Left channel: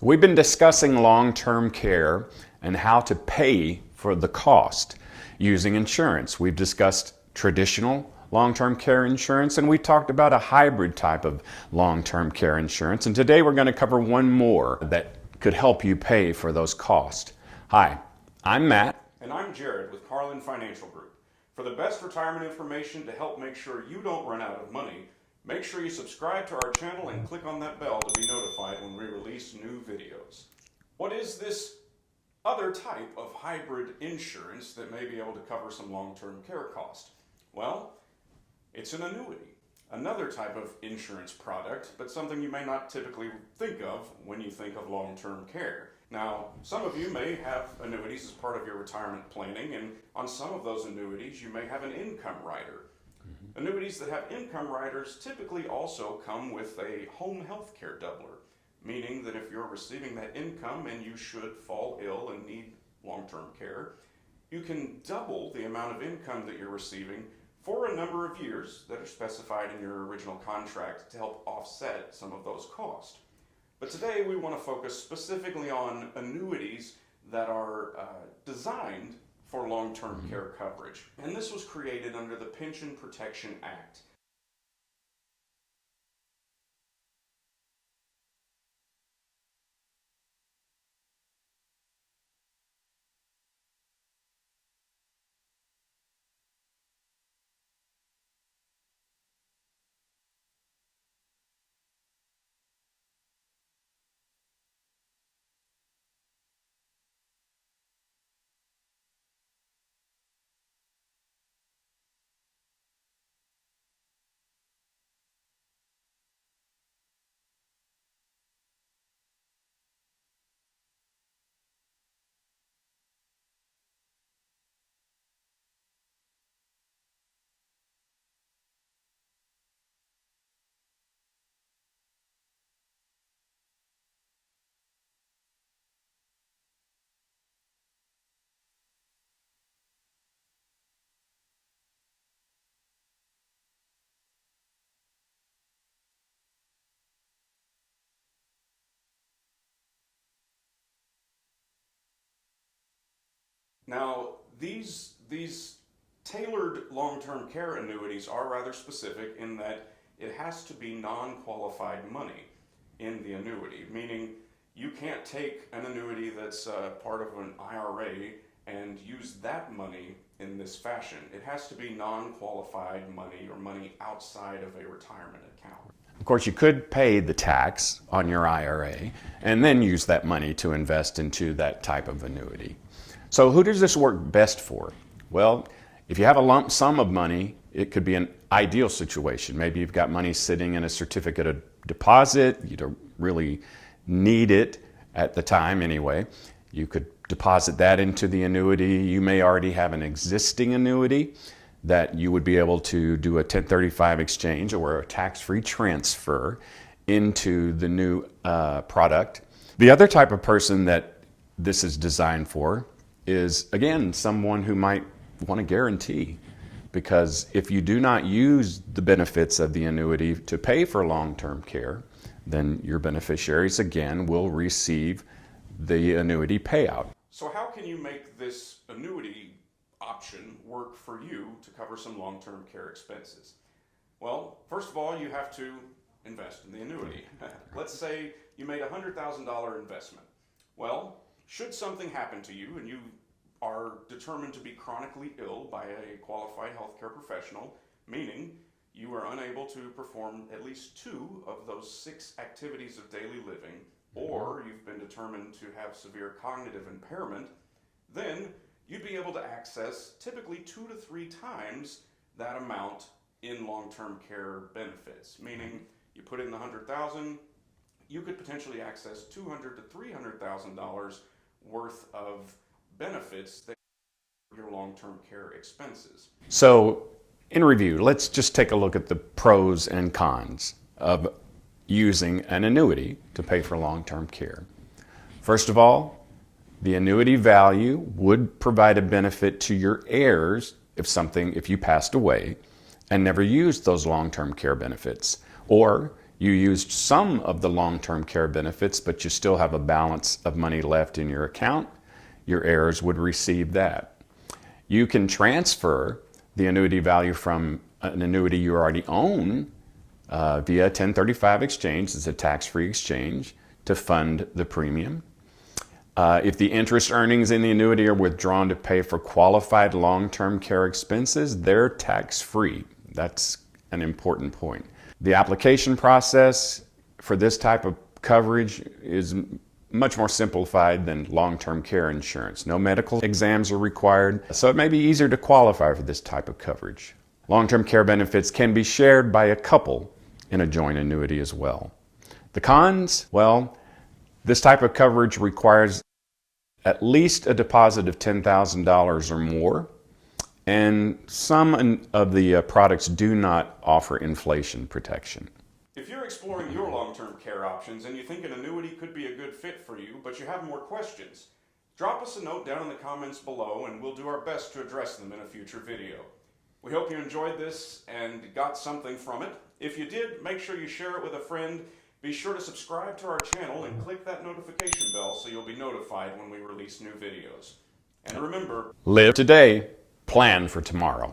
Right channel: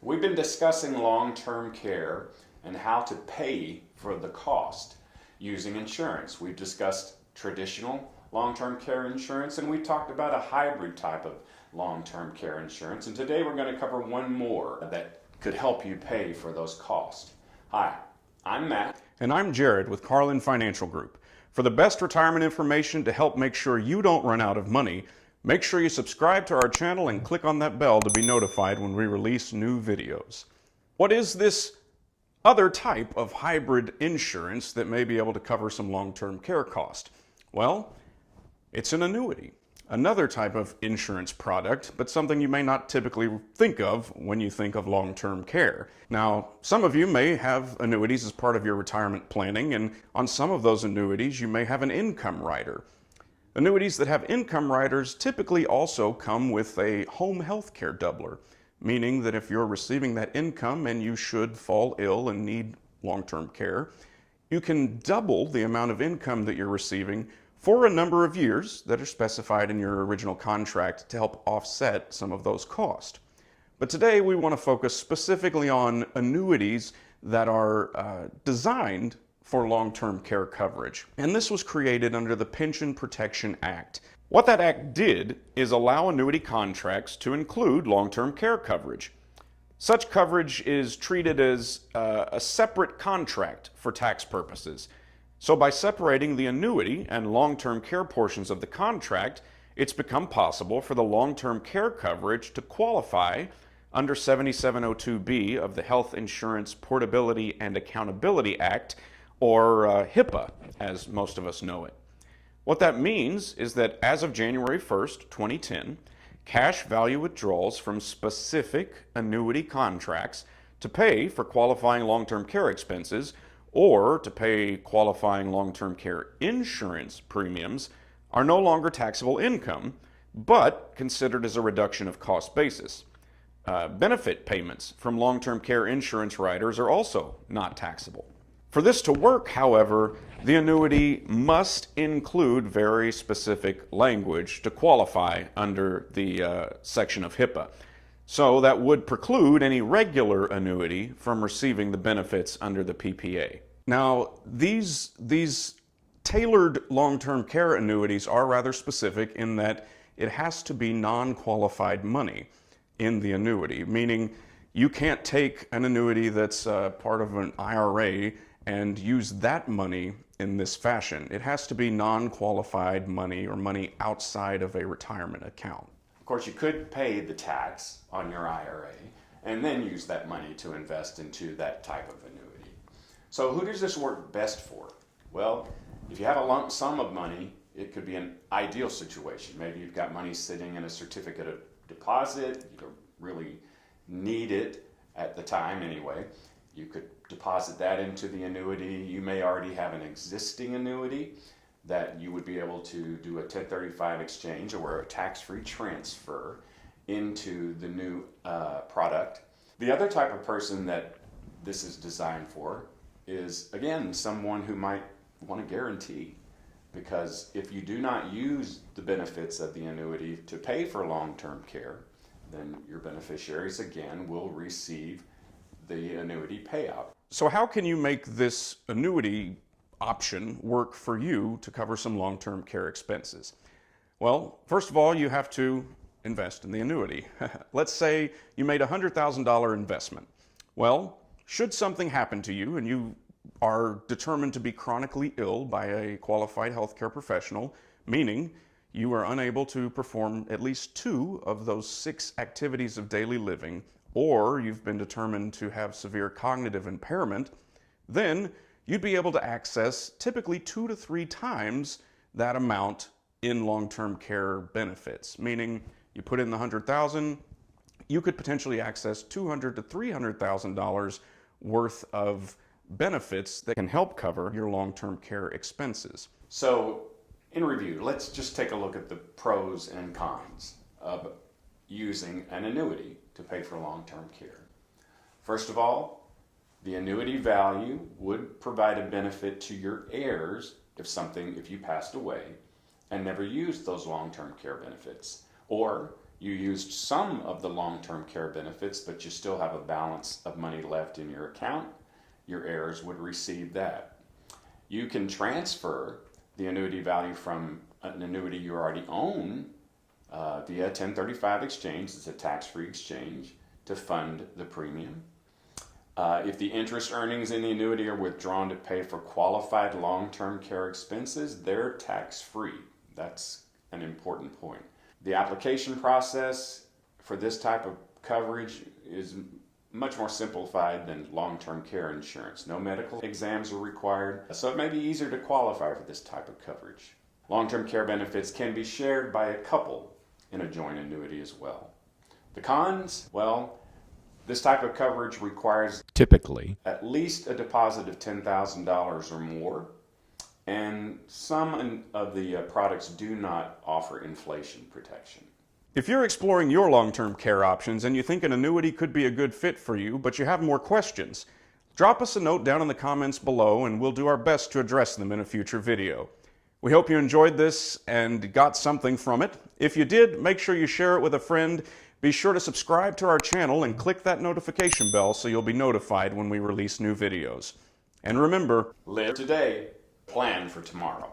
We've been discussing long-term care and how to pay for the cost using insurance. We've discussed traditional long-term care insurance, and we talked about a hybrid type of long-term care insurance. And today we're going to cover one more that could help you pay for those costs. Hi, I'm Matt. And I'm Jared with Carlin Financial Group. For the best retirement information to help make sure you don't run out of money, make sure you subscribe to our channel and click on that bell to be notified when we release new videos. What is this other type of hybrid insurance that may be able to cover some long-term care cost? Well, it's an annuity, another type of insurance product, but something you may not typically think of when you think of long-term care. Now, some of you may have annuities as part of your retirement planning, and on some of those annuities, you may have an income rider. Annuities that have income riders typically also come with a home health care doubler, meaning that if you're receiving that income and you should fall ill and need long-term care, you can double the amount of income that you're receiving for a number of years that are specified in your original contract to help offset some of those costs. But today we want to focus specifically on annuities that are designed for long-term care coverage. And this was created under the Pension Protection Act. What that act did is allow annuity contracts to include long-term care coverage. Such coverage is treated as a separate contract for tax purposes. So by separating the annuity and long-term care portions of the contract, it's become possible for the long-term care coverage to qualify under 7702B of the Health Insurance Portability and Accountability Act, or HIPAA, as most of us know it. What that means is that as of January 1st, 2010, cash value withdrawals from specific annuity contracts to pay for qualifying long-term care expenses or to pay qualifying long-term care insurance premiums are no longer taxable income, but considered as a reduction of cost basis. Benefit payments from long-term care insurance riders are also not taxable. For this to work, however, the annuity must include very specific language to qualify under the section of HIPAA. So that would preclude any regular annuity from receiving the benefits under the PPA. Now, these tailored long-term care annuities are rather specific in that it has to be non-qualified money in the annuity, meaning you can't take an annuity that's part of an IRA and use that money in this fashion. It has to be non-qualified money or money outside of a retirement account. Of course, you could pay the tax on your IRA and then use that money to invest into that type of annuity. So who does this work best for? Well, if you have a lump sum of money, it could be an ideal situation. Maybe you've got money sitting in a certificate of deposit. You don't really need it at the time anyway. You could deposit that into the annuity. You may already have an existing annuity that you would be able to do a 1035 exchange or a tax-free transfer into the new product. The other type of person that this is designed for is, again, someone who might want to guarantee, because if you do not use the benefits of the annuity to pay for long-term care, then your beneficiaries, again, will receive the annuity payout. So how can you make this annuity option work for you to cover some long-term care expenses? Well, first of all, you have to invest in the annuity. Let's say you made a $100,000 investment. Well, should something happen to you and you are determined to be chronically ill by a qualified healthcare professional, meaning you are unable to perform at least 2 of those 6 activities of daily living, or you've been determined to have severe cognitive impairment, then you'd be able to access typically 2 to 3 times that amount in long-term care benefits, meaning you put in the $100,000, you could potentially access $200,000 to $300,000 worth of benefits that can help cover your long-term care expenses. So in review, let's just take a look at the pros and cons of using an annuity to pay for long-term care. First of all, the annuity value would provide a benefit to your heirs if you passed away and never used those long-term care benefits, or You used some of the long-term care benefits, but you still have a balance of money left in your account, your heirs would receive that. You can transfer the annuity value from an annuity you already own via 1035 exchange, it's a tax-free exchange, to fund the premium. If the interest earnings in the annuity are withdrawn to pay for qualified long-term care expenses, they're tax-free. That's an important point. The application process for this type of coverage is much more simplified than long-term care insurance. No medical exams are required, so it may be easier to qualify for this type of coverage. Long-term care benefits can be shared by a couple in a joint annuity as well. The cons, well, this type of coverage requires typically at least a deposit of $10,000 or more, and some of the products do not offer inflation protection. If you're exploring your long-term care options and you think an annuity could be a good fit for you, but you have more questions, drop us a note down in the comments below and we'll do our best to address them in a future video. We hope you enjoyed this and got something from it. If you did, make sure you share it with a friend. Be sure to subscribe to our channel and click that notification bell so you'll be notified when we release new videos. And remember, live today, plan for tomorrow.